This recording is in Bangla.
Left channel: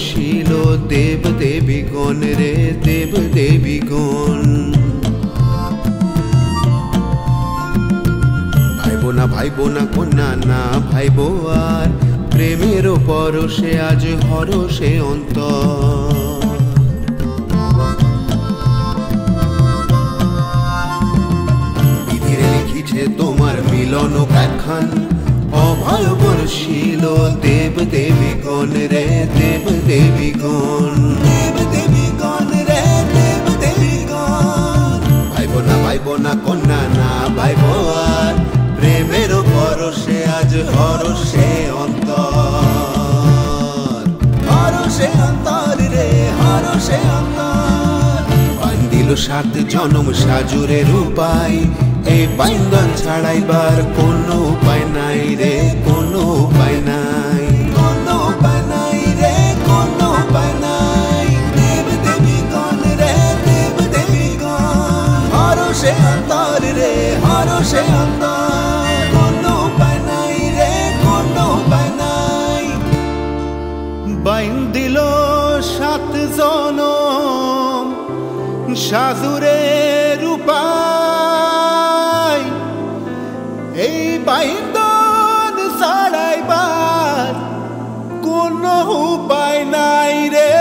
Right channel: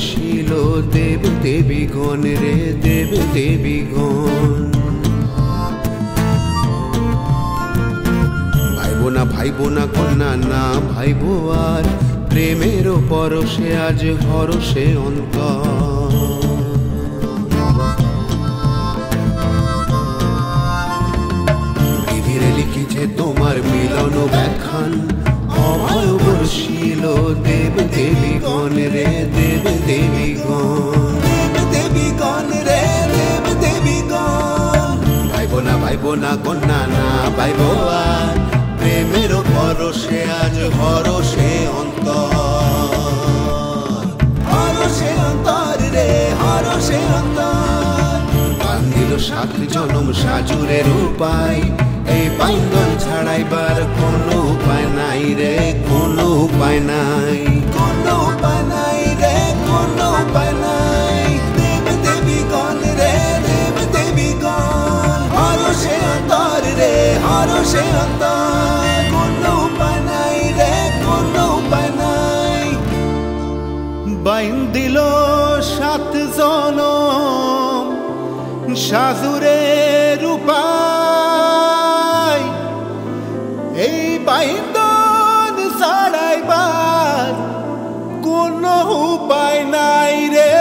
বরশিল দেব দেবীগণ রে দেব দেবীগণ। ভাইবো না কন্যা না ভাইবো আর, প্রেমের পরশে আজ হরষে অন্তর। বিধিরে লিখিছে তোমার মিলন ব্যাখ্যান, অভয় বরশিল দেব দেবীগণ রে দেব দেবীগণ। দেব দেবীগণ রে দেব দেবীগণ। ভাইবো না কন্যা না ভাইবো আর, প্রেমের পরশে আজ হরষে অন্তর। হরষে অন্তর রে হরষে অন্তর। বান্ধিল 7 জনম সাজুরের উপায়, এই বাইন্দন ছাড়াইবার কোনো উপায় নাই রে কোনো উপায় নাই। কোনো উপায় নাই রে কোনো উপায় নাই। দেব দেবীগণ রে দেব দেবীগণ। হরষে অন্তর রে হরষে অন্তর। কোনো উপায় নাই রে কোনো উপায় নাই। বাইন্দিল 7 জনম সাজুরের উপায়, এই বাইন্দন ছাড়াইবার কোনো উপায় নাই রে